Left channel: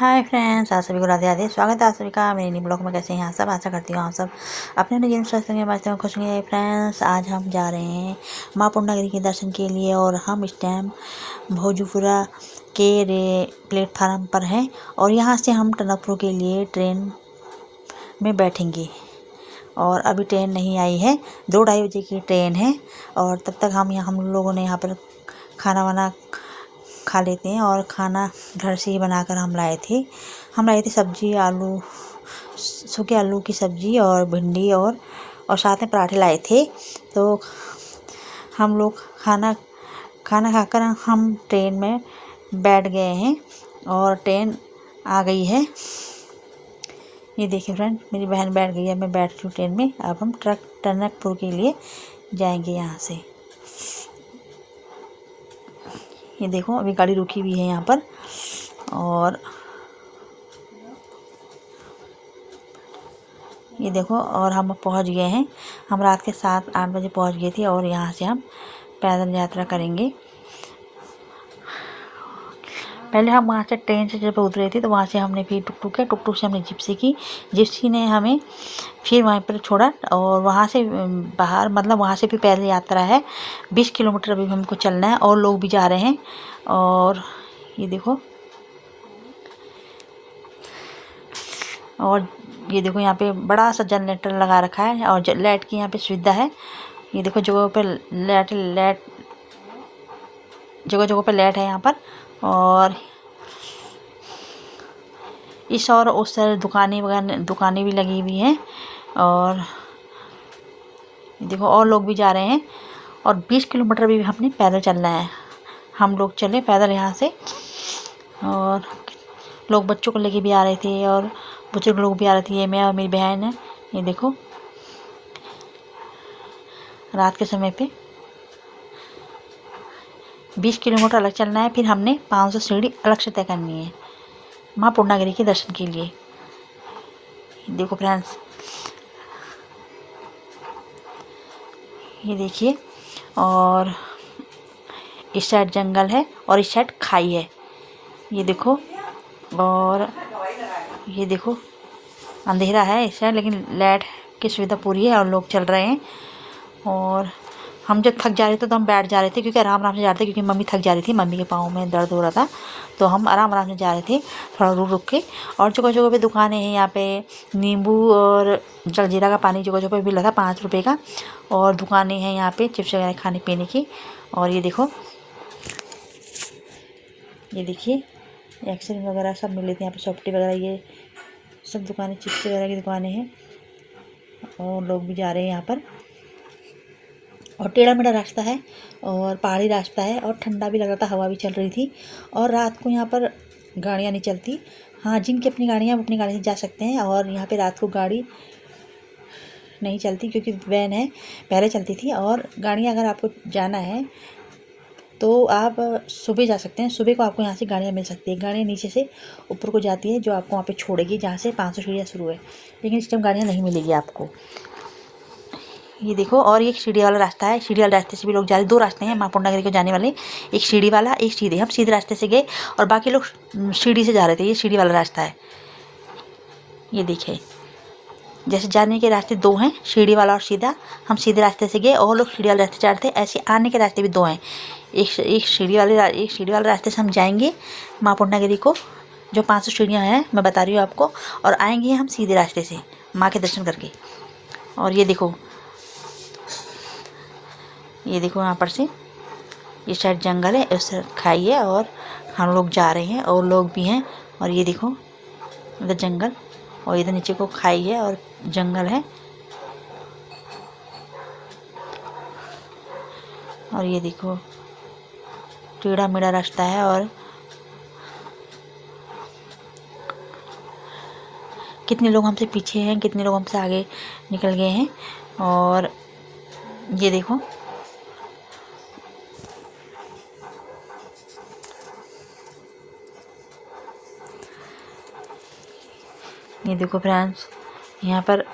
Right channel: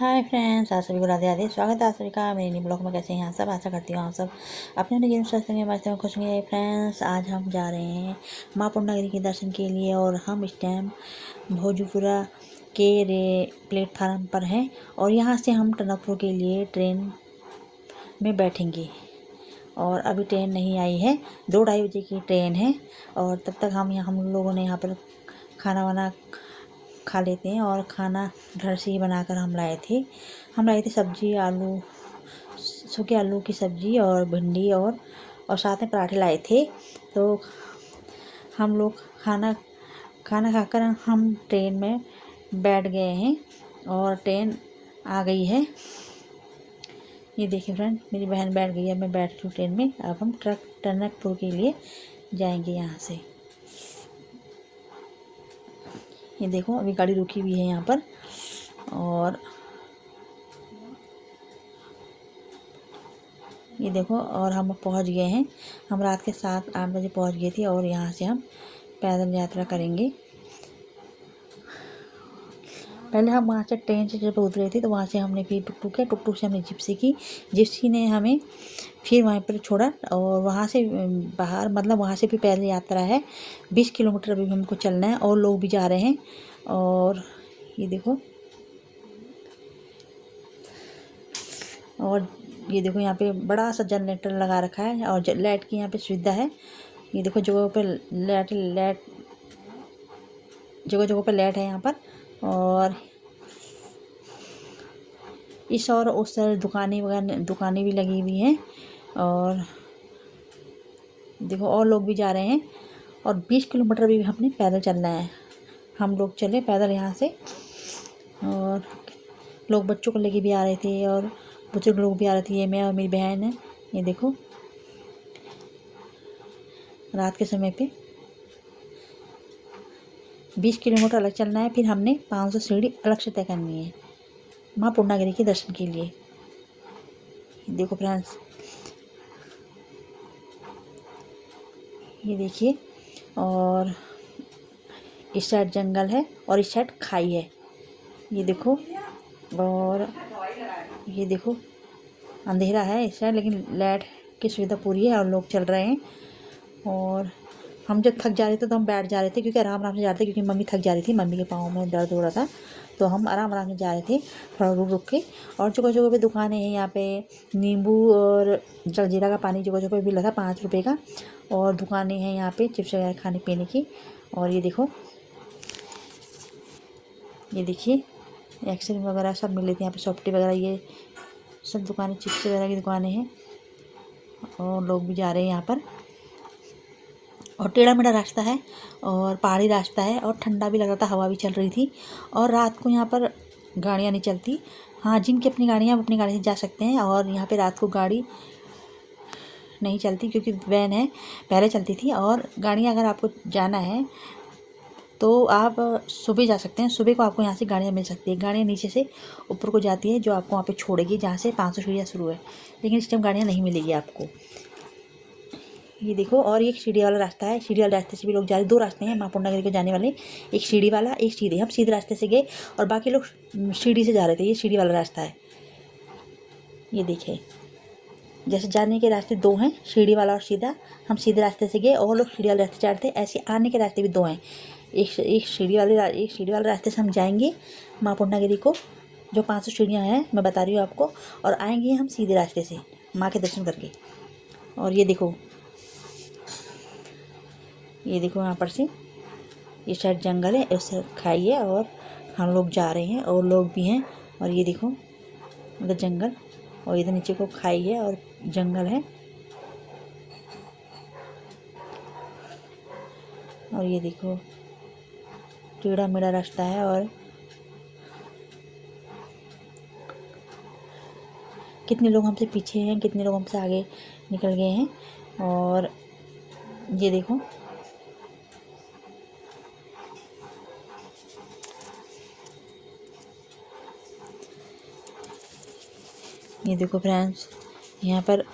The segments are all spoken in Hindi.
हाय फ्रेंड्स, आप सभी को राधे राधे। स्वागत है आप सभी का मेरे न्यू ब्लॉग में। कैसे हैं आप सब? आशा करती हूँ आप सब अपने जीवन स्वस्थ होंगे, मस्त होंगे, खुश होंगे। फ्रेंड्स, आज हम जा रहे हैं माँ पूर्णागिरी के दर्शन के लिए और हम इस टाइम भोजपुरा के प्लेटफार्म पर हैं और यहाँ से हम टनकपुर के लिए ट्रेन में बैठेंगे और अभी ट्रेन नहीं आई है। 2-2:30 बजे की ट्रेन है और तब तक हम लोगों ने यहाँ पर खाना वाना खा लेते हैं। और खाना घर से ही बनाकर हम लाए थे सब्जी, आलू, सूखे आलू की सब्जी और भिंडी और साथ में पराठे लाए थे। तो हम लोग खाना खाकर हम ट्रेन में बैठ गए हैं और ट्रेन आ गई है। ये देखिए फ्रेंड, मेरी बहन बैठ गई है, मैं बैठ रही हूँ ट्रेन में। अब हम टनकपुर के लिए जाएंगे यहाँ से। ये देखो, अभी गाड़ी रुकी हुई है यहाँ पर और ये देखो, और हम पहुँच गए हैं। हम रात के 7-8 बजे पहुँच गए थे और यहाँ से हम पैदल यात्रा करेंगे। पहले हम वहाँ से ट्रेन से जब उतरे थे तो वहाँ से हमने फिर टुकटुक से हमने जिप्सी की। जिप्सी ने हमें फिर वहीं पर छोड़ा और वहाँ से बाहर, मतलब वहाँ से भी पैदल यात्रा है। 20 किलोमीटर अभी हमको चलना है और लोग भी जा रहे हैं। और ये देखो, यहाँ पे बड़ा सा जनरेटर लगा रखा है और लाइट की यहाँ पे सुविधा है। ये देखो, जगह जगह पे लाइट है यहाँ पर। और इस और उस तरह दुकानें भी लगी हुई हैं। और देखो, और लोग भी जा रहे हैं और 20 किलोमीटर भी हमने पैदल चलना है। हम लोग चले पैदल यहाँ से और लोग बच्चों को लेके भी आ रहे थे और बुजुर्ग लोग भी आ रहे थे। ये मैं और मेरी बहन है। ये देखो, रात के समय पे 20 किलोमीटर अलग चलना है। फिर हमने 500 सीढ़ी अलग से तय करनी है माँ पूर्णागिरी के दर्शन के लिए। देखो फ्रेंड्स, ये देखिए, और इस साइड जंगल है और इस साइड खाई है। ये देखो, और ये देखो, अंधेरा है इस साइड लेकिन लाइट की सुविधा पूरी है और लोग चल रहे हैं। और हम जब थक जा रहे थे तो हम बैठ जा रहे थे, क्योंकि आराम से जा रहे थे, क्योंकि मम्मी थक जा रही थी, मम्मी के पाँव में दर्द हो रहा था। तो हम आराम से जा रहे थे, थोड़ा रुक के। और जगह जगह पे दुकानें हैं। यहाँ पे नींबू और जलजीरा का पानी जगह जगह पे मिल रहा था 5 रुपये का। और दुकानें हैं यहाँ पे चिप्स वगैरह खाने पीने की। और ये देखो, ये देखिए, एक्सरे वगैरह सब मिल लेते हैं यहाँ पे, सॉफ्टी वगैरह, ये सब दुकानें, चिप्स वगैरह की दुकानें हैं। और लोग भी जा रहे हैं यहाँ पर। और टेढ़ा मेढ़ा रास्ता है और पहाड़ी रास्ता है और ठंडा भी लग रहा था, हवा भी चल रही थी। और रात को यहाँ पर गाड़ियाँ नहीं चलती। हाँ, जिनकी अपनी गाड़ियाँ अपनी गाड़ी से जा सकते हैं। और यहाँ पे रात को गाड़ी नहीं चलती, क्योंकि वैन है, पहले चलती थी। और गाड़ियाँ अगर आपको जाना है तो आप सुबह जा सकते हैं। सुबह को आपको यहाँ से गाड़ियाँ मिल सकती है। गाड़ियाँ नीचे से ऊपर को जाती है, जो आपको वहाँ पे छोड़ेगी, जहाँ से 500 सीढ़ियाँ शुरू है। लेकिन इस टाइम गाड़ियाँ नहीं मिलेगी आपको। ये देखो, और एक सीढ़ी वाला रास्ता है। सीढ़ी वाले रास्ते से भी लोग जा रहे हैं। 2 रास्ते हैं माँ पूर्णागिरी को जाने वाले, एक सीढ़ी वाला, एक सीधे। हम सीधे रास्ते से गए और बाकी लोग सीढ़ी से जा रहे थे। ये सीढ़ी वाला रास्ता है। ये देखिए, जैसे जाने के रास्ते 2 हैं, सीढ़ी वाला और सीधा। हम सीधे रास्ते से गए और लोग सीढ़ी वाले रास्ते जा रहे थे। ऐसे आने के रास्ते भी 2 हैं। एक सीढ़ी वाले रास्ते से हम जाएंगे माँ पूर्णागिरी को, जो 500 सीढ़ियाँ हैं, मैं बता रही हूँ आपको। और आएंगे हम सीधे रास्ते से माँ के दर्शन करके। और ये देखो, यहाँ पर से इस साइड जंगल है, उस साइड खाई है और हम लोग जा रहे हैं और लोग भी हैं। और ये देखो, इधर जंगल और इधर नीचे को खाई है और जंगल है। और ये देखो, टेढ़ा मेढ़ा रास्ता है। और कितने लोग हमसे पीछे हैं, कितने लोग हमसे आगे निकल गए हैं। और ये देखो, फ्रेंड्स, यहाँ पर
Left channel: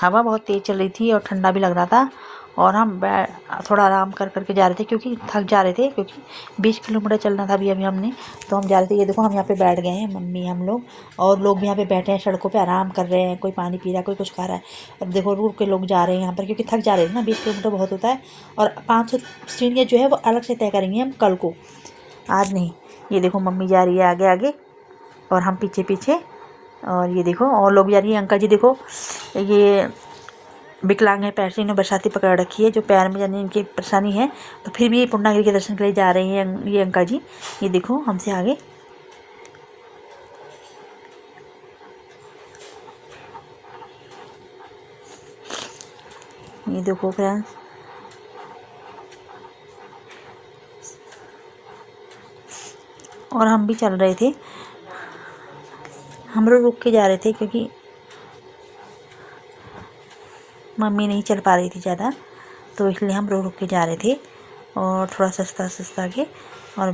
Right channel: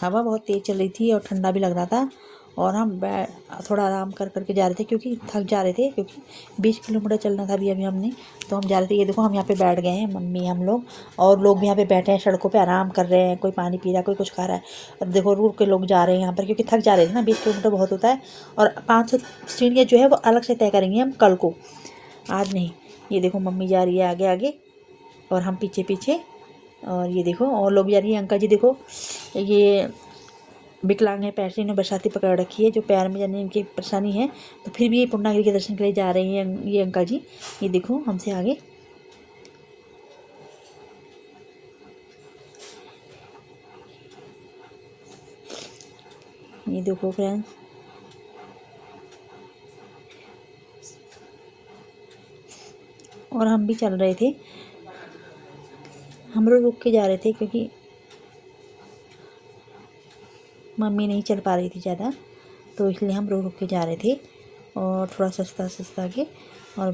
हवा बहुत तेज़ चल रही थी और ठंडा भी लग रहा था। और हम थोड़ा आराम कर करके जा रहे थे क्योंकि थक जा रहे थे, क्योंकि 20 किलोमीटर चलना था अभी हमने, तो हम जा रहे थे। ये देखो हम यहाँ पे बैठ गए हैं, मम्मी हम लोग और लोग भी यहाँ पे बैठे हैं, सड़कों पे आराम कर रहे हैं, कोई पानी पी रहा है, कोई कुछ खा रहा है। और देखो रुक के लोग जा रहे हैं यहाँ पर क्योंकि थक जा रहे थे ना, 20 किलोमीटर बहुत होता है। और 500 सीढ़ियाँ जो है वो अलग से तय करेंगे हम कल को, आज नहीं। ये देखो मम्मी जा रही है आगे आगे और हम पीछे पीछे। और ये देखो और लोग जा रही है। अंकल जी देखो ये विकलांग है, पैर से इन्होंने बरसाती पकड़ रखी है, जो पैर में जानी इनकी परेशानी है, तो फिर भी पूर्णागिरि के दर्शन के लिए जा रहे हैं ये अंकल जी। ये देखो हमसे आगे। ये देखो फ्रेंड्स, और हम भी चल रहे थे, हम लोग रुक के जा रहे थे क्योंकि मम्मी नहीं चल पा रही थी ज़्यादा, तो इसलिए हम रुक के जा रहे थे। और थोड़ा सस्ता सस्ता के और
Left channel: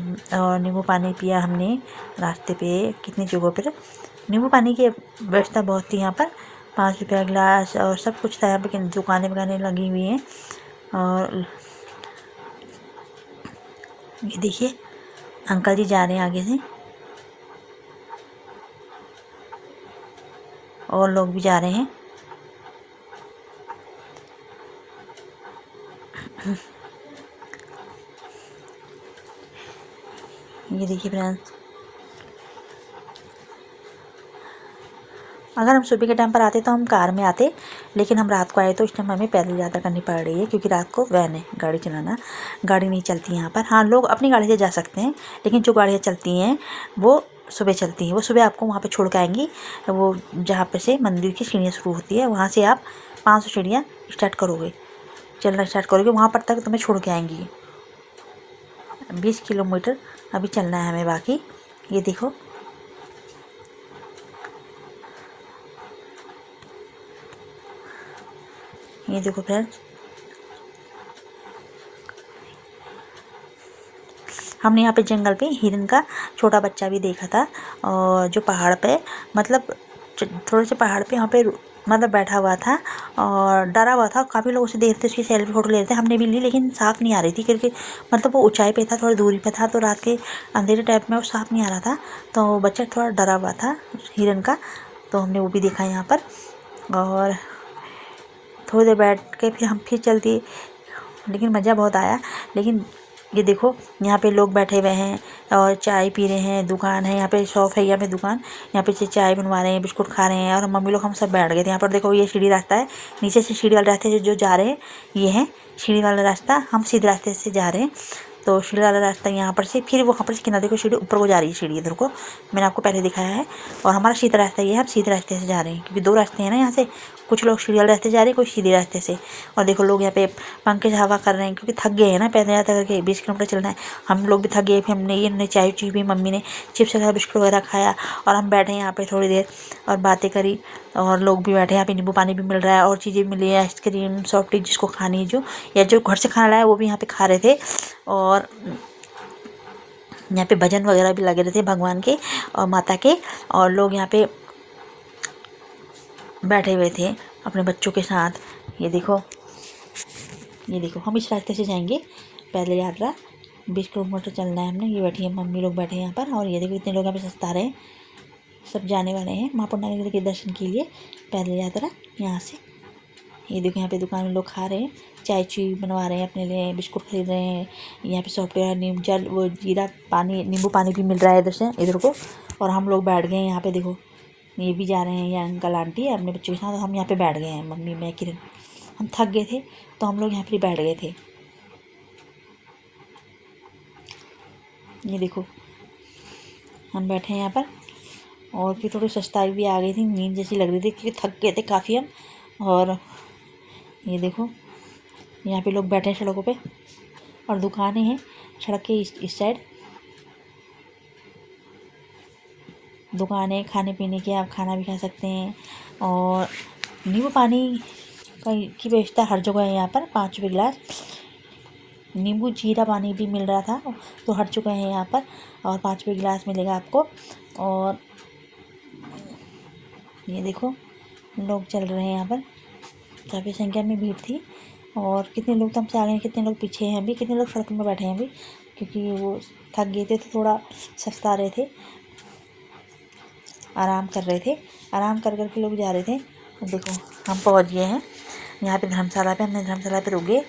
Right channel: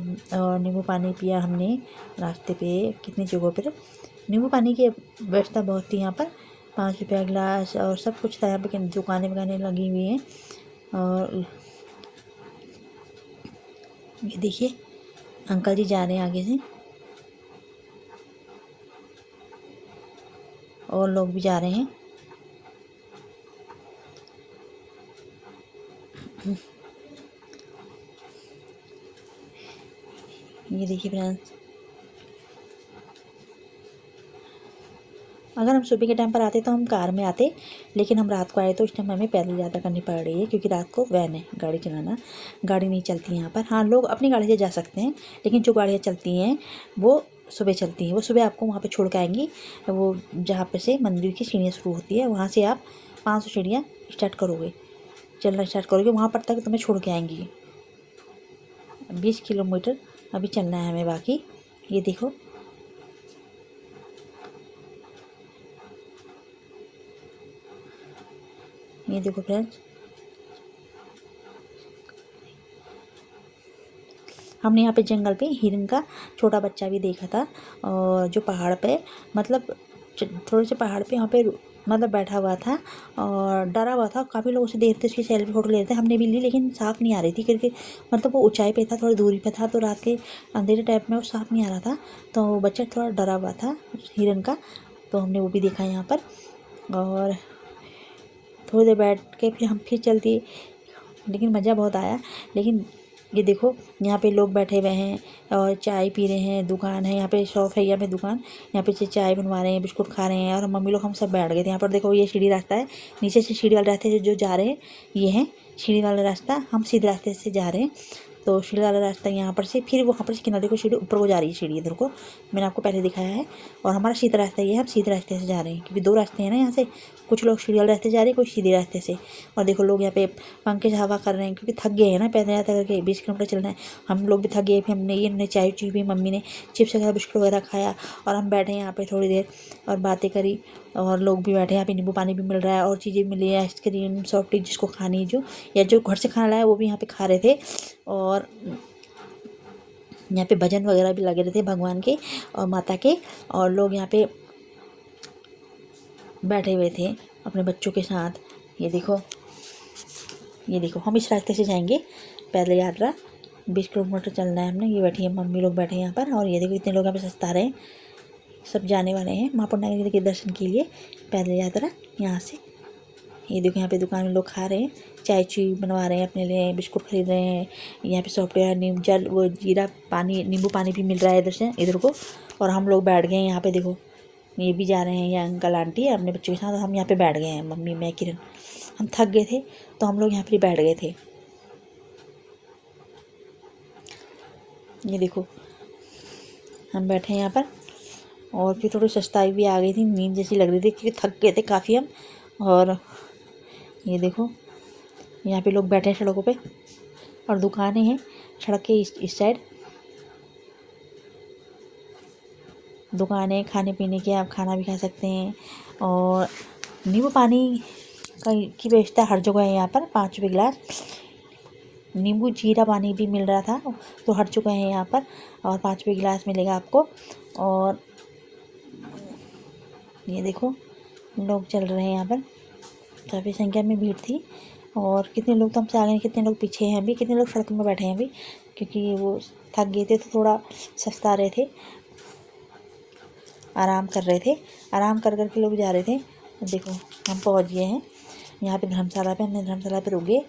नींबू पानी पिया हमने रास्ते पे। कितनी जगहों पर नींबू पानी की व्यवस्था बहुत थी यहाँ पर, 5 रुपया गिलास और सब कुछ था यहाँ पे, दुकानें वकानें लगी हुई हैं। और ये देखिए अंकल जी जा रहे हैं आगे से और लोग भी जा रहे हैं। ये देखिए फ्रेंड्स, अगर हम सुबह के टाइम पर आते तो हम कार में आते, लेकिन हम रात को आए तो इस टाइम हमें पैदल यात्रा करनी पड़ रही है क्योंकि रात को वैन है, गाड़ी चलाना, गाड़ी नहीं चलती यहाँ पर। हाँ लोग अपनी गाड़ी से जा सकते हैं, लेकिन जो गाड़ियाँ चलती हैं वो सुबह चलती हैं। वो सुबह आपको वहाँ पे छोड़ के आएंगी, वो जहाँ पे से मंदिर की सीढ़ियाँ शुरू होती है, वहाँ से आप 500 सीढ़ियाँ स्टार्ट करोगे, चलना स्टार्ट करोगे, वहाँ पर तक तुम्हें छोड़ के आएंगी। 20 किलोमीटर अभी चलना है हमें बाकी। ये देखो ये देखो फ्रेंड्स, हमने यहाँ पे जंगल पे हिरन का छोटा बच्चा भी देखा था, और जो पहाड़ पे मतलब थोड़े से पहाड़ पे यहाँ पे मतलब बैठा हुआ था और डरा हुआ था। काफ़ी लोग उसे देख रहे थे, उसकी सेल्फी फ़ोटो ले रहे थे, हमने भी ली, लेकिन साफ़ नहीं आ रही थी क्योंकि मतलब वो ऊंचाई पे था, थोड़ी दूरी पे था, तो रात के अंधेरे टाइप में वो साफ़ नहीं आ रहा था, तो बच्चा थोड़ा डरा हुआ था हिरन का, तो हमने वो भी देखा यहाँ पर। और थोड़ी देर बैठ के फिर हम फिर चल दिए, लेकिन मज़ा बहुत आया। लेकिन ये देखो यहाँ पे लोग बैठे हुए हैं और चाय पी रहे हैं, दुकान है यहाँ पे, शॉप है यहाँ पे, दुकान, यहाँ पे से चाय बनवा रहे हैं, बिस्कुट खा रहे हैं, और मम्मी लोग हम सब बैठ गए थे यहाँ पर। देखो ये सीढ़ी रास्ता है, नीचे से सीढ़ी वाले रास्ते से जो जा रहे हैं, ये है सीढ़ी वाला रास्ता, हम सीधे रास्ते से जा रहे हैं। तो सीढ़ी वाला रास्ता यहाँ पर से, फिर वहाँ पर से किनारे को सीढ़ी ऊपर को जा रही है, सीढ़ी इधर को मैंने आपको पहले दिखाया है। और हमारा सीधा रास्ता ये है, हम सीधे रास्ते से जा रहे हैं क्योंकि 2 रास्ते हैं ना यहाँ से, कुछ लोग सीढ़ी वाले रास्ते जा रहे हैं, कुछ सीधे रास्ते से। और देखो लोग यहाँ पे पंखे से हवा कर रहे हैं क्योंकि थक गए हैं ना, पैदल यात्रा करके 20 किलोमीटर चलना है, हम लोग भी थक गए। फिर हमने चाय चुई भी, मम्मी ने चिप्स वगैरह बिस्कुट वगैरह खाया, और हम बैठे यहाँ पे थोड़ी देर और बातें करी, और लोग भी बैठे, यहाँ पे नींबू पानी भी मिल रहा है और चीज़ें मिली है, आइसक्रीम सॉफ्टी जिसको खानी है, जो या जो घर से खाना लाया वो भी यहाँ पे खा रहे थे। और यहाँ पे भजन वगैरह भी लगे रहे थे भगवान के और माता के, और लोग यहाँ पे बैठे हुए थे अपने बच्चों के साथ। ये देखो हम इस रास्ते से जाएंगे पैदल यात्रा, 20 किलोमीटर चलना है हमने। ये बैठी है मम्मी लोग बैठे हैं यहाँ पर, और ये देखो इतने लोग यहाँ पे सस्ता रहे हैं, सब जाने वाले हैं माँ पूर्णागिरि के दर्शन के लिए पैदल यात्रा यहाँ से। ये देखो यहाँ पे दुकान में लोग खा रहे हैं, चाय चुई बनवा रहे हैं अपने लिए, बिस्कुट खरीद रहे हैं, यहाँ पे सॉफ्टवेयर नीम जल वो जीरा पानी नींबू पानी भी मिल रहा है इधर से इधर को। और हम लोग बैठ गए हैं यहाँ पे, देखो ये भी जा रहे हैं, ये अंकल आंटी अपने बच्चों के साथ, हम यहाँ पे बैठ गए हैं, मम्मी मैं किरण, हम थक गए थे तो हम लोग यहाँ पे बैठ गए थे। ये देखो हम बैठे हैं यहाँ पर, और फिर थोड़ी सस्ताई भी आ गई थी, नींद जैसी लग रही थी क्योंकि थक गए थे काफ़ी हम। और ये देखो यहाँ पे लोग बैठे हैं सड़कों पे, और दुकानें हैं सड़क के इस साइड, दुकानें खाने पीने की, आप खाना भी खा सकते हैं। और नींबू पानी की व्यवस्था हर जगह है यहाँ पर, 5 रुपये गिलास, नींबू जीरा पानी भी मिल रहा था, तो हर जगह है यहाँ पर, और 5 रुपये गिलास मिलेगा आपको। और ये देखो लोग चल रहे हैं यहाँ पर, काफ़ी संख्या में भीड़ थी, और कितने लोग तो हमसे आगे हैं, कितने लोग पीछे हैं अभी, कितने लोग सड़क में बैठे हैं अभी, क्योंकि वो थक गए थे तो थोड़ा सस्ता रहे थे, आराम कर रहे थे, आराम कर कर के लोग जा रहे थे। देखो हम पहुंच गए हैं यहाँ पे धर्मशाला पे। हमने धर्मशाला पे रुक गए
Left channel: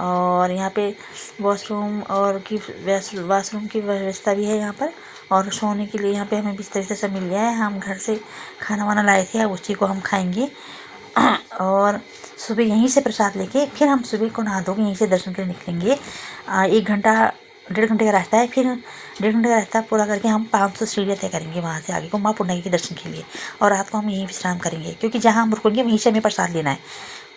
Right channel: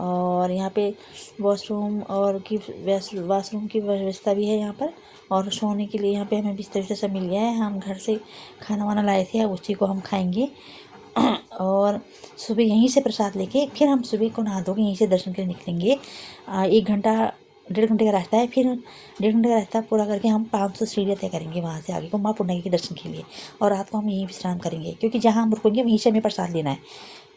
और यहाँ पे वॉशरूम और वाशरूम की व्यवस्था भी है यहाँ पर, और सोने के लिए यहाँ पे हमें बिस्तर से सब मिल गया है। हम घर से खाना वाना लाए थे, अब उसी को हम खाएंगे और सुबह यहीं से प्रसाद लेके फिर हम सुबह को नहा धो के यहीं से दर्शन के लिए निकलेंगे। 1-1.5 घंटे का रास्ता है, फिर 1.5 घंटे का रास्ता पूरा करके हम 500 सीढ़ियाँ तय करेंगे वहाँ से आगे को माँ पूर्णगिरी के दर्शन के लिए। और रात को हम यहीं विश्राम करेंगे, क्योंकि जहाँ हम रुकेंगे वहीं से हमें प्रसाद लेना है,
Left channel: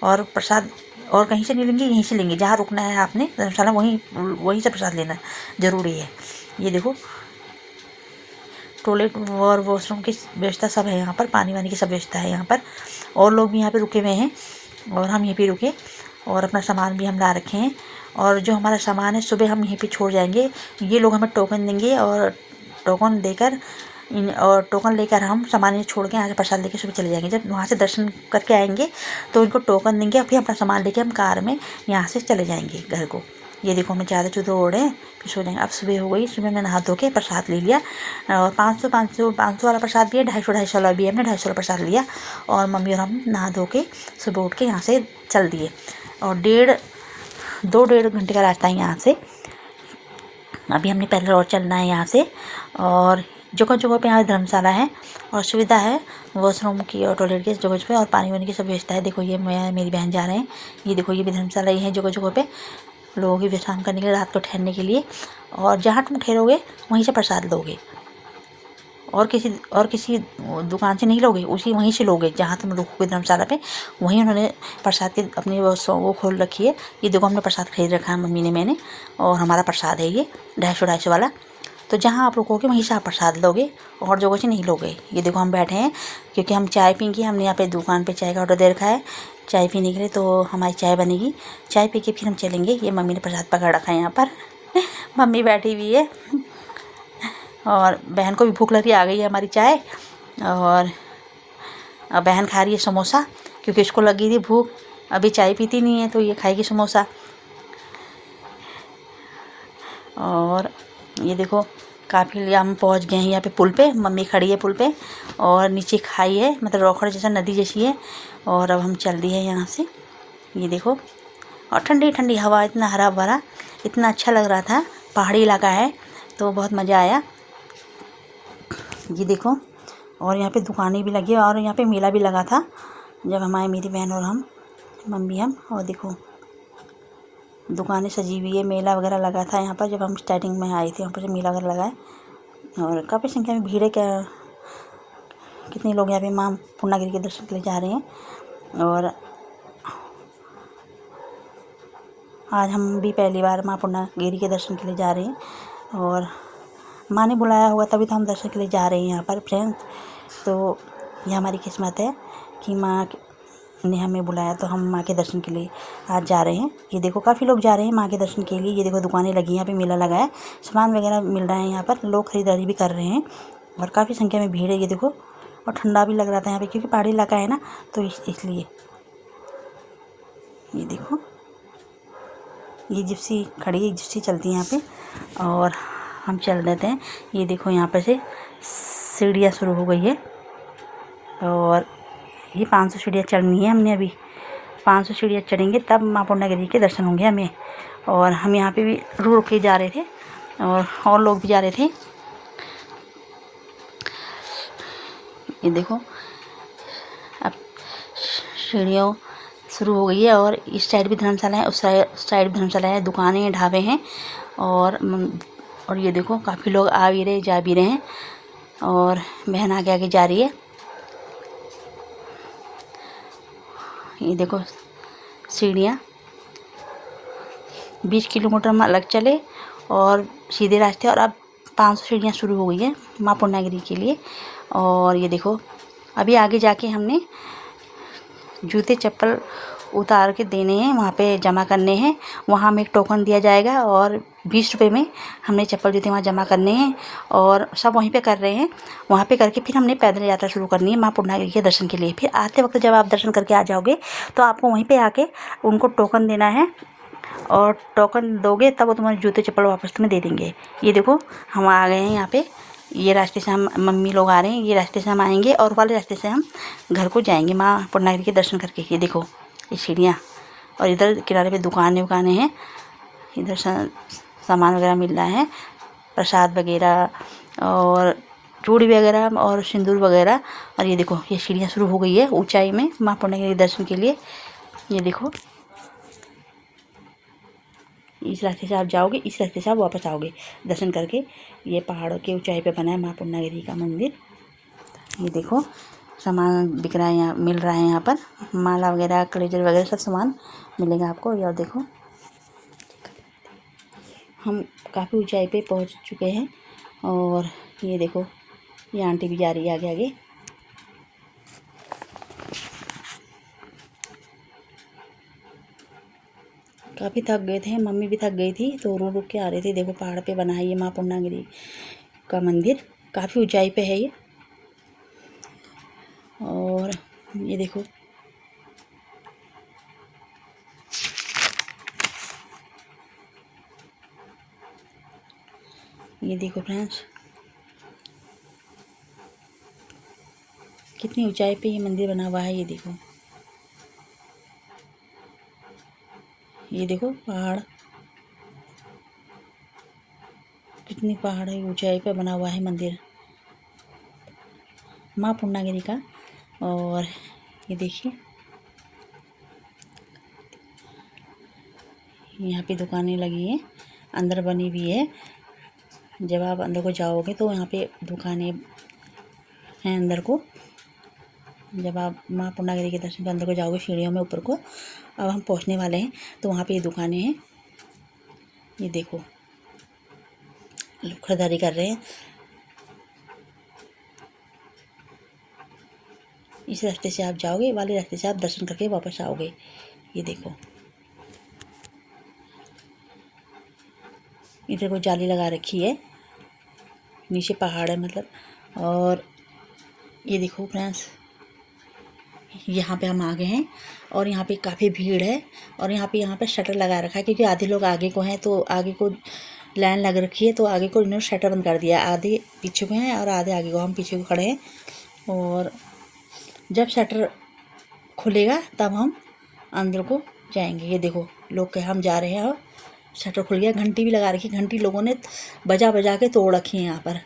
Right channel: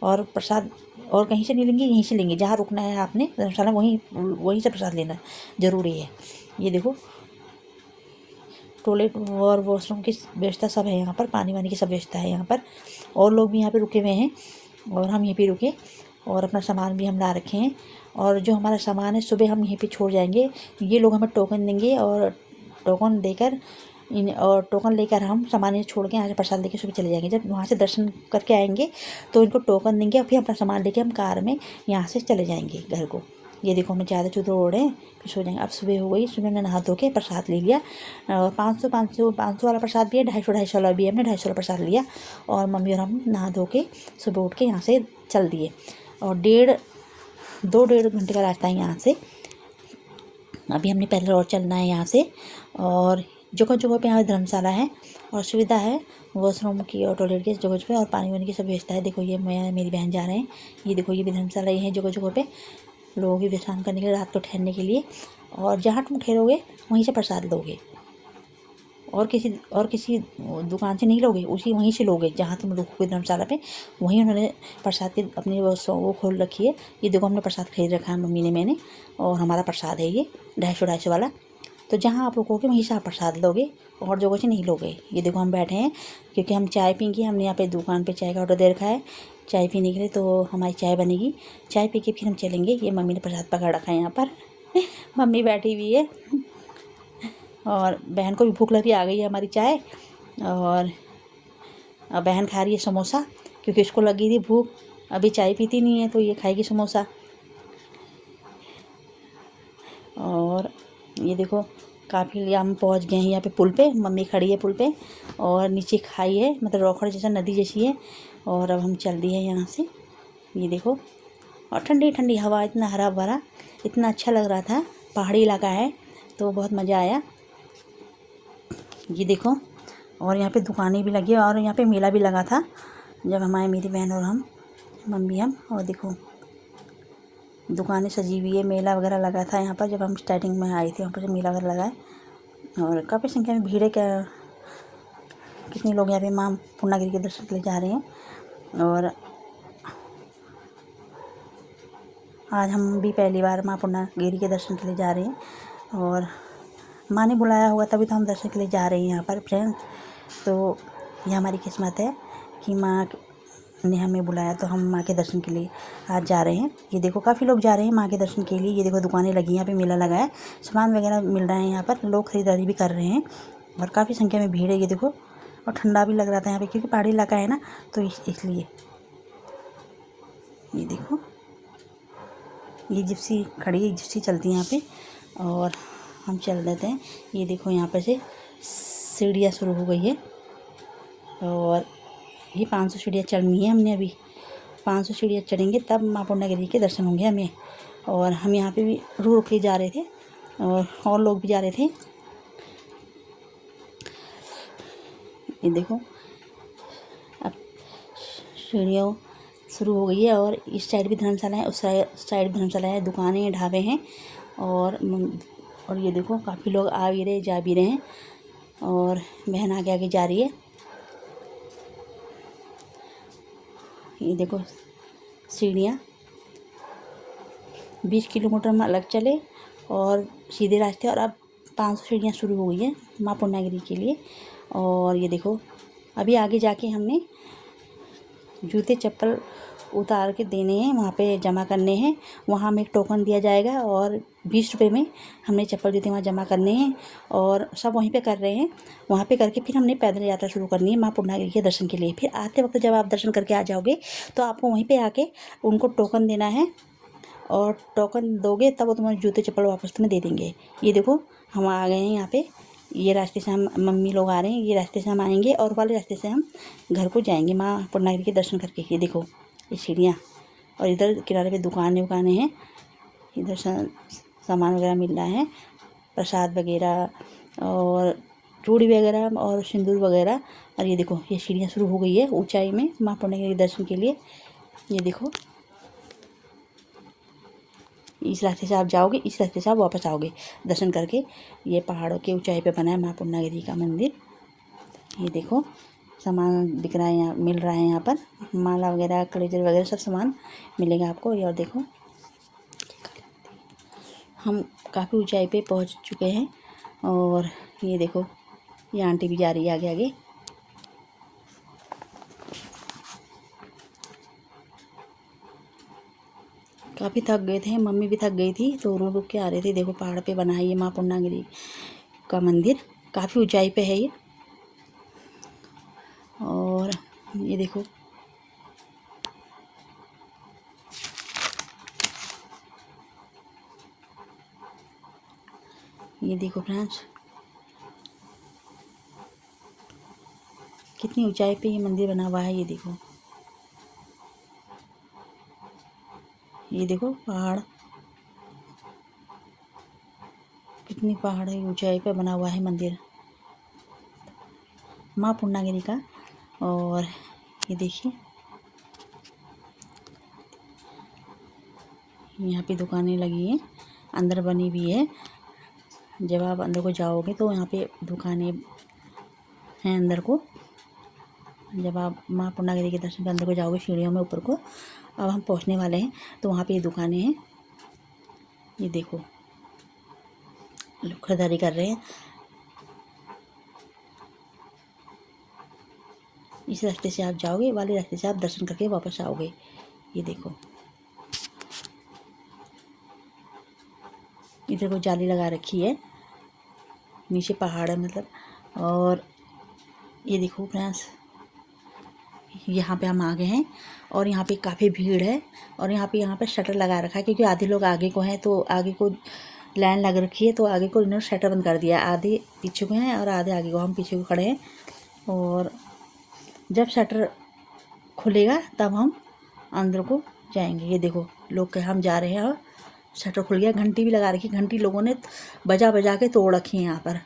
और प्रसाद और कहीं से नहीं लेंगे, यहीं से लेंगे। जहाँ रुकना है आपने धर्मशाला वहीं से प्रसाद लेना ज़रूरी है। ये देखो टॉयलेट और वॉशरूम की व्यवस्था सब है यहाँ पर, पानी वानी की सब व्यवस्था है यहाँ पर। और लोग भी यहाँ पे रुके हुए हैं और हम यहीं पे रुके, और अपना सामान भी हम ला रखे हैं। और जो हमारा सामान है सुबह हम यहीं पे छोड़ जाएंगे। ये लोग हमें टोकन देंगे और टोकन देकर और टोकन लेकर हम सामान ये छोड़ के यहाँ से प्रसाद लेके सुबह चले जाएंगे। जब वहाँ से दर्शन करके आएंगे तो इनको टोकन देंगे और फिर अपना सामान लेके हम कार में यहाँ से चले जाएंगे घर को। ये देखो हमें ज़्यादा चुदर ओढ़े हैं, फिर सो जाएंगे। अब सुबह हो गई, सुबह मैंने नहा धो के प्रसाद ले लिया, और 500 वाला प्रसाद भी है, 250 वाला भी है। हमने 250 वाला प्रसाद लिया और मम्मी और हम नहा धो के सुबह उठ के यहाँ से चल दिए। और 2-1.5 घंटे का रास्ता है यहाँ से। अभी हमने पहले और चलना है यहाँ से। और जगह जगह पे यहाँ धर्मशाला है और सुविधा है वॉशरूम की और टॉयलेट की जगह पे, और पानी वानी की सब व्यवस्था है। देखो ये मैं मेरी बहन जा रहे हैं, ये देखो ये भी धर्मशाला ही है जगह जगह पे लोगों की विश्राम करने के लिए, रात को ठहरने के लिए। और जहाँ तुम ठहरोगे वहीं से प्रसाद लोगे, और किसी दुकान से नहीं लोगे, वहीं से लोगे जहाँ तुम रुकोगे धर्मशाला पे। वहीं उन्होंने प्रसाद की अपनी वो खोल रखी है। ये देखो हमने प्रसाद खरीद रखा है मम्मी ने मैंने, और हमारा प्रसाद है ये 250 वाला। तो जहाँ आप रुकोगे वहीं से आप प्रसाद लोगे, और जगह से नहीं लोगे। ये देखो हम बैठे हैं क्योंकि हम चाय पीएंगे। हमने यहाँ पे दुकान पे चाय का ऑर्डर दे रखा है चाय पीने के लिए, तो हमारी चाय बनेगी। चाय पी के फिर हम चलेंगे। ये मम्मी ने प्रसाद पकड़ रखा है यहाँ पर मम्मी बैठी हुई है, और बहन को भी भूख लगी, आ गई है हमारी चाय। और अब बहन खा रही है समोसा, क्योंकि इसको लगी थी भूख, अभी चाय पीती नहीं है तो ये खाएगी समोसा। और ये देखो काफ़ी हम पहुंच गए हैं यहाँ पे पुल पे। मम्मी खड़ी है पुल पे और नीचे खाई है, मतलब रोखड़ जैसा नदी जैसी है। और अब हम चल रही है यहाँ से। ये देखो, और ठंडी ठंडी हवा, इतना हरा भरा, इतना अच्छा लग रहा था। पहाड़ी इलाका है तो बहुत मज़ा आया। ये देखो, और यहाँ पे दुकानें भी लगी, और यहाँ पे मेला भी लगा था जब हम आए, मेरी बहन और हम, मम्मी हम। और देखो दुकानें सजी हुई है, मेला वगैरह लगा था यहाँ पर जब हम स्टार्टिंग में आए थे, वहाँ पर मेला वगैरह लगा है। और काफ़ी संख्या में भीड़ है। कितने लोग यहाँ पे माँ पूर्णागिरी के दर्शन के लिए जा रहे हैं। और आज हम भी पहली बार माँ पूर्णागिरी के दर्शन के लिए जा रहे हैं, और माँ ने बुलाया होगा तभी तो हम दर्शन के लिए जा रहे हैं यहाँ पर फ्रेंड्स। तो ये हमारी किस्मत है कि माँ ने हमें बुलाया, तो हम माँ के दर्शन के लिए आज जा रहे हैं। ये देखो काफ़ी लोग जा रहे हैं माँ के दर्शन के लिए। ये देखो दुकानें लगी हैं, यहाँ पे मेला लगा है, सामान वगैरह मिल रहा है यहाँ पर, लोग खरीदारी भी कर रहे हैं, और काफ़ी संख्या में भीड़ है। ये देखो, और ठंडा भी लग रहा था यहाँ पे क्योंकि पहाड़ी इलाका है ना, तो इसलिए। ये देखो ये जिप्सी खड़ी है, जिप्सी चलती है यहाँ पे, और हम चल देते हैं। ये देखो यहाँ पर से सीढ़ियाँ शुरू हो गई है, और ये 500 सीढ़ियाँ चढ़नी है हमने। अभी 500 सीढ़ियाँ चढ़ेंगे तब माँ पूर्णागिरी के दर्शन होंगे हमें। और हम यहाँ पे भी रुक के जा रहे थे, और लोग भी जा रहे थे। ये देखो अब सीढ़ियों शुरू हो गई है, और इस साइड भी धर्मशाला है, उस साइड भी धर्मशाला है, दुकानें ढाबे हैं। और ये देखो काफ़ी लोग आ भी रहे जा भी रहे हैं, और बहन आगे आगे जा रही है। ये देखो सीढ़ियाँ 20 किलोमीटर में अलग चले और सीधे रास्ते, और अब 500 सीढ़ियाँ शुरू हो गई है माँ पूर्णागिरी के लिए। और ये देखो अभी आगे जाके हमने जूते चप्पल उतार के देने हैं, वहाँ पे जमा करने हैं। वहाँ हमें एक टोकन दिया जाएगा और 20 रुपये में हमने चप्पल जूते वहाँ जमा करने हैं और सब वहीं पे कर रहे हैं। वहाँ पे करके फिर हमने पैदल यात्रा शुरू करनी है माँ पूर्णागिरि के दर्शन के लिए। फिर आते वक्त जब आप दर्शन करके आ जाओगे तो आपको वहीं पे आके उनको टोकन देना है और टोकन दोगे तब वो तुम्हारे जूते चप्पल वापस तुम्हें दे देंगे। ये देखो हम आ गए हैं यहाँ पे, ये रास्ते से हम मम्मी लोग आ रहे हैं, ये रास्ते से हम आएंगे और वाले रास्ते से हम घर को जाएंगे माँ पूर्णागिरि के दर्शन करके। ये देखो ये सीढ़ियाँ और इधर किनारे पे दुकानें हैं, इधर सामान वगैरह मिल रहा है, प्रसाद वगैरह और चूड़ी वगैरह और सिंदूर वगैरह। और ये देखो ये सीढ़ियाँ शुरू हो गई है ऊंचाई में माँ पूर्णागिरि दर्शन के लिए। ये देखो इस रास्ते से आप जाओगे, इस रास्ते से आप वापस आओगे दर्शन करके। ये पहाड़ों के ऊंचाई पे बना है माँ पूर्णागिरि का मंदिर। ये देखो सामान बिक रहा है, यहाँ मिल रहा है, यहाँ पर माला वगैरह क्लेजर वगैरह सब सामान मिलेगा आपको। और देखो हम काफ़ी ऊंचाई पे पहुंच चुके हैं और ये देखो ये आंटी भी जा रही है आगे आगे। काफ़ी थक गए थे, मम्मी भी थक गई थी तो रो रुक के आ रहे थे। देखो पहाड़ पे बना है ये माँ पूर्णागिरि का मंदिर, काफ़ी ऊंचाई पे है ये। और ये देखो फ्रेंड्स कितनी ऊंचाई पे ये मंदिर बना हुआ है। ये देखो पहाड़, कितनी पहाड़ है ऊंचाई पे बना हुआ है मंदिर माँ पूर्णागिरि का। और ये देखिए यहाँ पे दुकानें लगी हैं, अंदर बनी हुई है। जब आप अंदर को जाओगे तो यहाँ पे दुकानें हैं अंदर को। जब आप माँ पूर्णागिरि के दर्शन के अंदर को जाओगे सीढ़ियों में ऊपर को, अब हम पहुँचने वाले हैं तो वहाँ पे ये दुकानें हैं। ये देखो लोग खरीदारी कर रहे हैं। इस रास्ते से आप जाओगे, वाले रास्ते से आप दर्शन करके वापस आओगे। ये देखो इधर को जाली लगा रखी है, नीचे पहाड़ है मतलब। और ये देखो फ्रेंड्स यहाँ पे हम आ गए हैं और यहाँ पे काफ़ी भीड़ है। और यहाँ पे शटर लगा रखा है क्योंकि आधे लोग आगे को हैं तो आगे को लाइन लग रखी है, तो आगे को इन्होंने शटर बंद कर दिया। आधे पीछे को हैं और आधे आगे को, हम पीछे को खड़े हैं। और जब शटर खुलेगा तब हम अंदर को जाएंगे। ये देखो लोग के हम जा रहे हैं और शटर खुल गया। घंटी भी लगा रखी, घंटी लोगों ने बजा बजा के तोड़ रखी है यहाँ पर।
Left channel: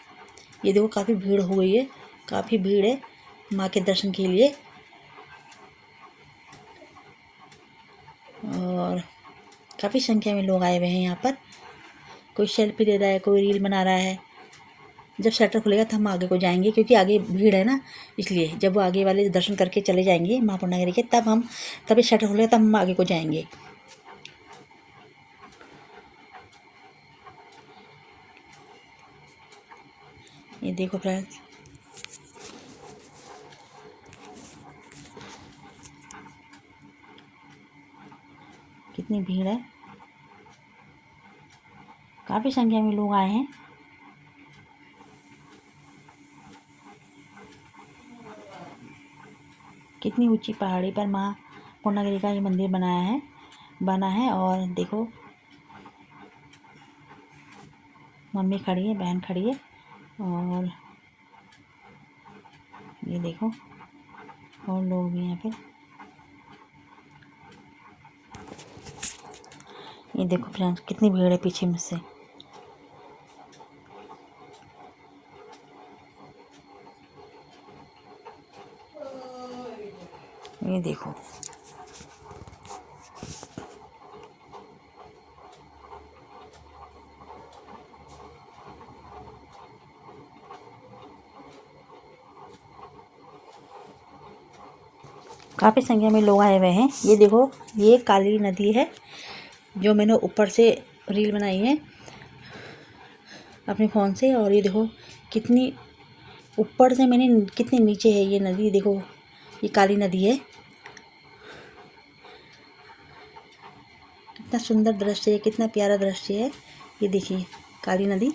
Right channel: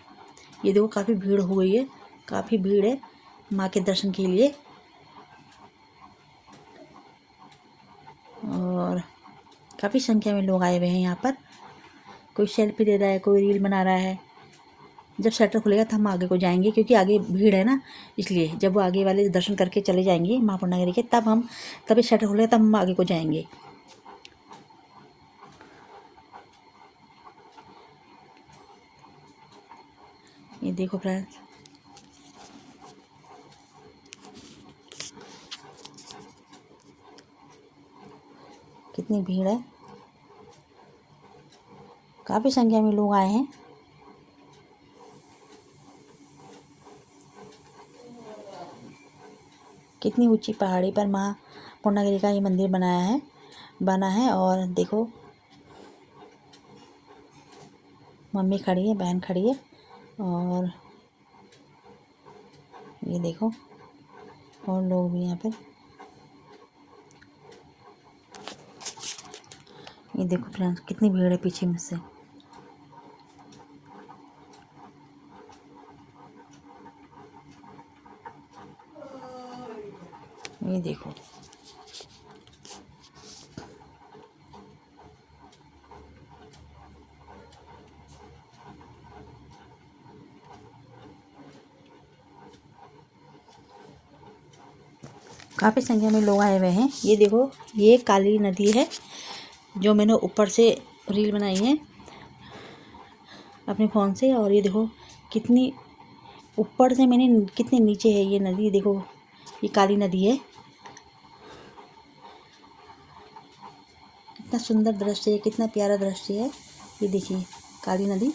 ये देखो काफ़ी भीड़ हो गई है, काफ़ी भीड़ है माँ के दर्शन के लिए। और काफ़ी संख्या में लोग आए हुए हैं यहाँ पर, कोई सेल्फी ले रहा है, कोई रील बना रहा है। जब शटर खुलेगा तो हम आगे को जाएंगे क्योंकि आगे भीड़ है ना, इसलिए जब वो आगे वाले दर्शन करके चले जाएंगे माँ पूर्णागिरि के तभी शटर खुलेगा तब हम आगे को जाएंगे। ये देखो फ्रेंड्स कितनी भीड़ है, काफ़ी संख्या में लोग आए हैं। कितनी ऊंची पहाड़ी पर माँ पूर्णागिरि का ये मंदिर बना है। और देखो मम्मी खड़ी है, बहन खड़ी है। और ये देखो और लोग भी यहाँ पर। ये देखो फ्रेंड्स कितनी भीड़ है पीछे में से। ये देखो काफ़ी संख्या में लोग आए हुए हैं। ये देखो ये काली नदी है जो मैंने ऊपर से रील बनाई है अपने फ़ोन से। और ये देखो कितनी ऊपर से मैंने, कितनी नीचे है ये नदी। देखो ये काली नदी है। कितना सुंदर दृश्य है, कितना प्यारा दृश्य है। ये देखिए काली नदी,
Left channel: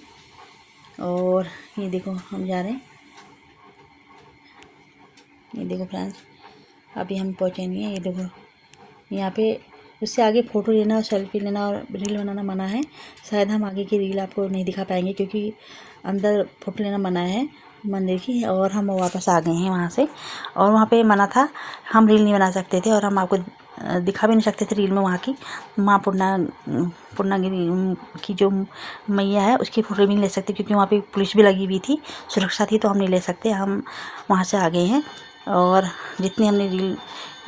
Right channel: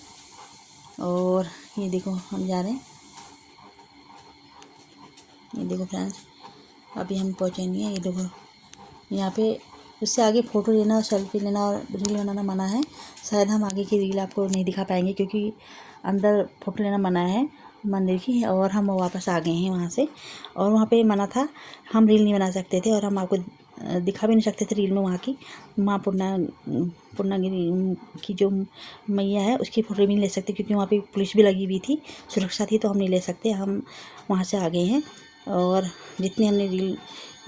और ये देखो हम जा रहे हैं। ये देखो फ्रेंड्स, अभी हम पहुँचे नहीं हैं। ये देखो यहाँ पे उससे आगे फ़ोटो लेना और सेल्फी लेना और रील बनाना मना है। शायद हम आगे की रील आपको नहीं दिखा पाएंगे, क्योंकि अंदर फ़ोटो लेना मना है मंदिर की। और हम वापस आ गए हैं वहाँ से, और वहाँ पे मना था, हम रील नहीं बना सकते थे और हम आपको दिखा भी नहीं सकते थे रील में वहाँ की। माँ पूर्णागिरी की जो मैया है उसकी फ़ोटो भी नहीं ले सकते, क्योंकि वहाँ पे पुलिस भी लगी हुई थी, सुरक्षा थी, तो हम नहीं ले सकते। हम वहाँ से आ गए हैं, और जितनी हमने रील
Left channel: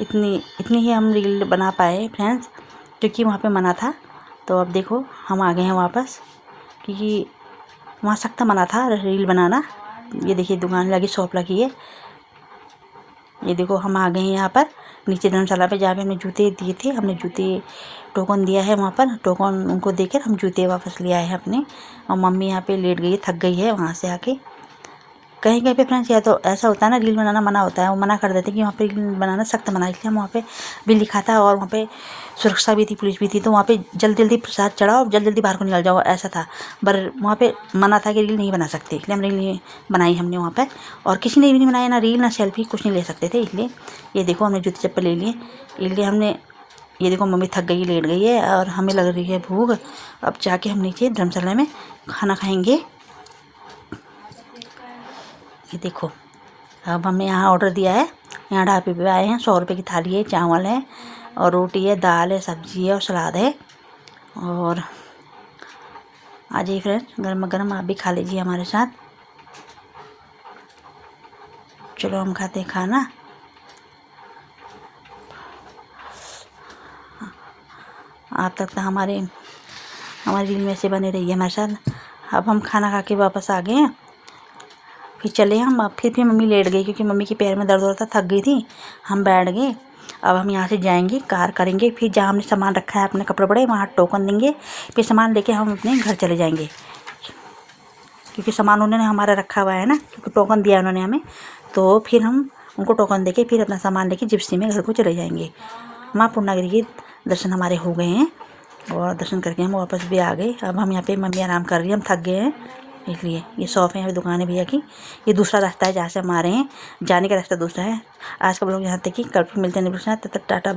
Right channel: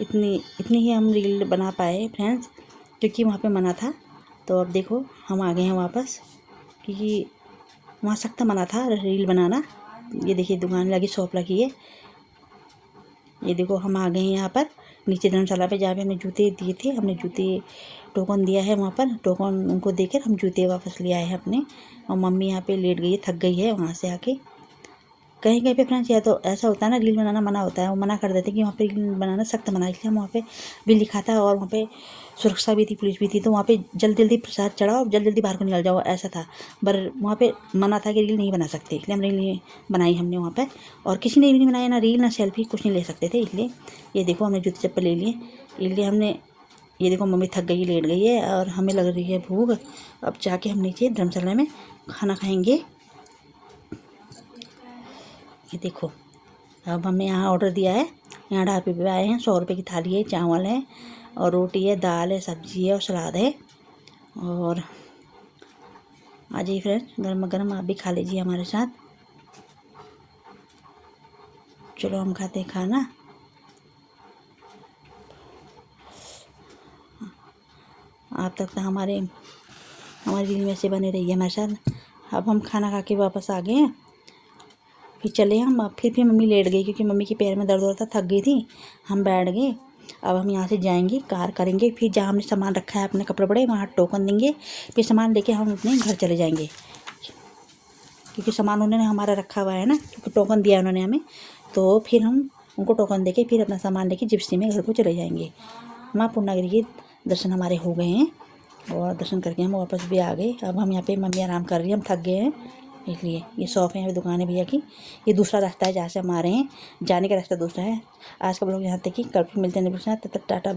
इतनी ही हम रील बना पाए फ्रेंड्स, क्योंकि वहाँ पे मना था। तो अब देखो हम आ गए हैं वापस, क्योंकि वहाँ सख्त मना था रील बनाना। ये देखिए दुकान लगी, शॉप लगी है। ये देखो हम आ गए हैं यहाँ पर नीचे धर्मशाला पे, जहाँ पे हमने जूते दिए थे। हमने जूते टोकन दिया है, वहाँ पर टोकन उनको देकर हम जूते वापस ले आए हैं अपने। और मम्मी यहाँ पे लेट गई है, थक गई है वहाँ से आके। कहीं कहीं पे फ्रेंड्स या तो ऐसा होता है ना, रील बनाना मना होता है, वो मना कर देते हैं कि वहाँ पे रील बनाना सख्त मना है। इसलिए हम वहाँ पे भी लिखा था, और वहाँ पे सुरक्षा भी थी, पुलिस भी थी, तो वहाँ पे जल्दी जल्दी प्रसाद चढ़ाओ, जल्दी जल्दी बाहर को निकल जाओ, ऐसा था। पर वहाँ पे मना था कि रील नहीं बना सकते, इसलिए हम रील नहीं बनाई हमने वहाँ पर। और किसी ने भी नहीं बनाया, ना रील ना सेल्फी, कुछ नहीं ले सकते थे। इसलिए ये देखो हमने जूते चप्पल ले लिए, इसलिए हमने, ये देखो मम्मी थक गई, लेट गई है, और हमें लग रही है भूख। अब जाके हम नीचे धर्मशाला में खाना खाएँगे। ये देखो अब हमने यहाँ ऑर्डर दिया है, यहाँ ढाबे पे आए हैं। 100 रुपये की थाली है, चावल है और रोटी है, दाल है, सब्जी है और सलाद है। और आ जाइए फ्रेंड्स, गर्मा गर्म आप भी खा लीजिए हमारे साथ। चलो हम खाते हैं खाना। आप तक तो हमारी रील में से बने रहिए हमारे साथ। अब हम खाना खा के वापस आ गए हैं, फिर चले हम। अब फिर मम्मी लेट गई, क्योंकि मम्मी के पैर में दर्द हो रहा था, थक गई थी। हम बैठ गए। अब हम यहाँ से जाएंगे, कार करेंगे, फिर जहाँ हमने सामान रखा है अपने कपड़े बड़े, वहाँ टोकन देंगे, फिर सामान लेके हम अपने घर चले जाएंगे, क्योंकि सामान उन्होंने हमारा रखा हुआ है ना, क्योंकि टोकन दिया उन्होंने हमें। तो फिर हम उनको टोकन देके फिर अपना सामान लेके जिप्सी में घर को चले जाएंगे। माँ पूर्णागिरी के दर्शन हमारे हो गए हैं, और दर्शन करके हम वापस भी आ गए। अब हम यहाँ पे मम्मी आराम कर रही है, हम थक गए हैं, इसलिए ये शॉप है, यहाँ पे दुकान है भैया की। ये दूसरा रास्ता है जहाँ से हम आ रहे हैं, जाने का रास्ता दूसरा है। आज का ब्लॉग यहाँ तक ही, कल फिर मिलते हैं, तब तक टाटा।